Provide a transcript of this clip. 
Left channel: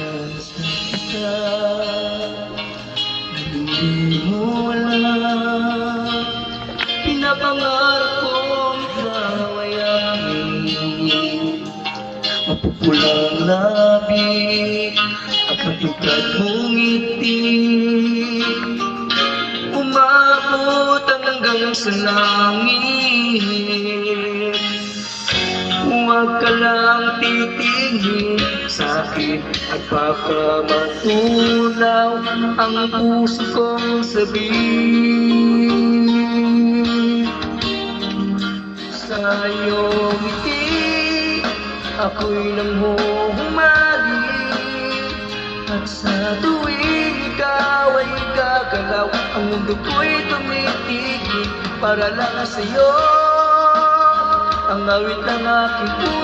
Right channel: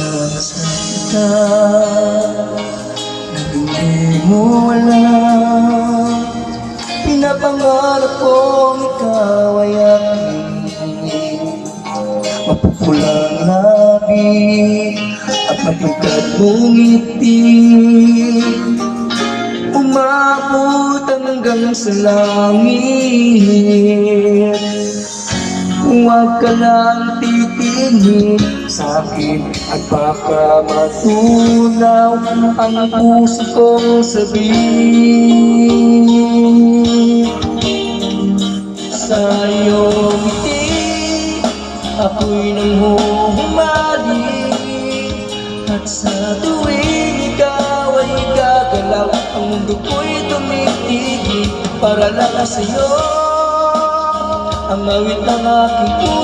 Pag-asa kita na hindi mo alam, pinapangarap kong ikaw ay aking mapupulang labi at matugkad mong ngiti, umabot hanggang sa langit. Huwag ka lang titingin sa'kin at baka matulaw ang puso kong sabihin. Sa iyong ngiti ako'y nanghuhumalik, at sa tuwing ikaw ay gagalaw, ang mundo ko'y tumitigil para lang sa'yo. Ang awit ng aking puso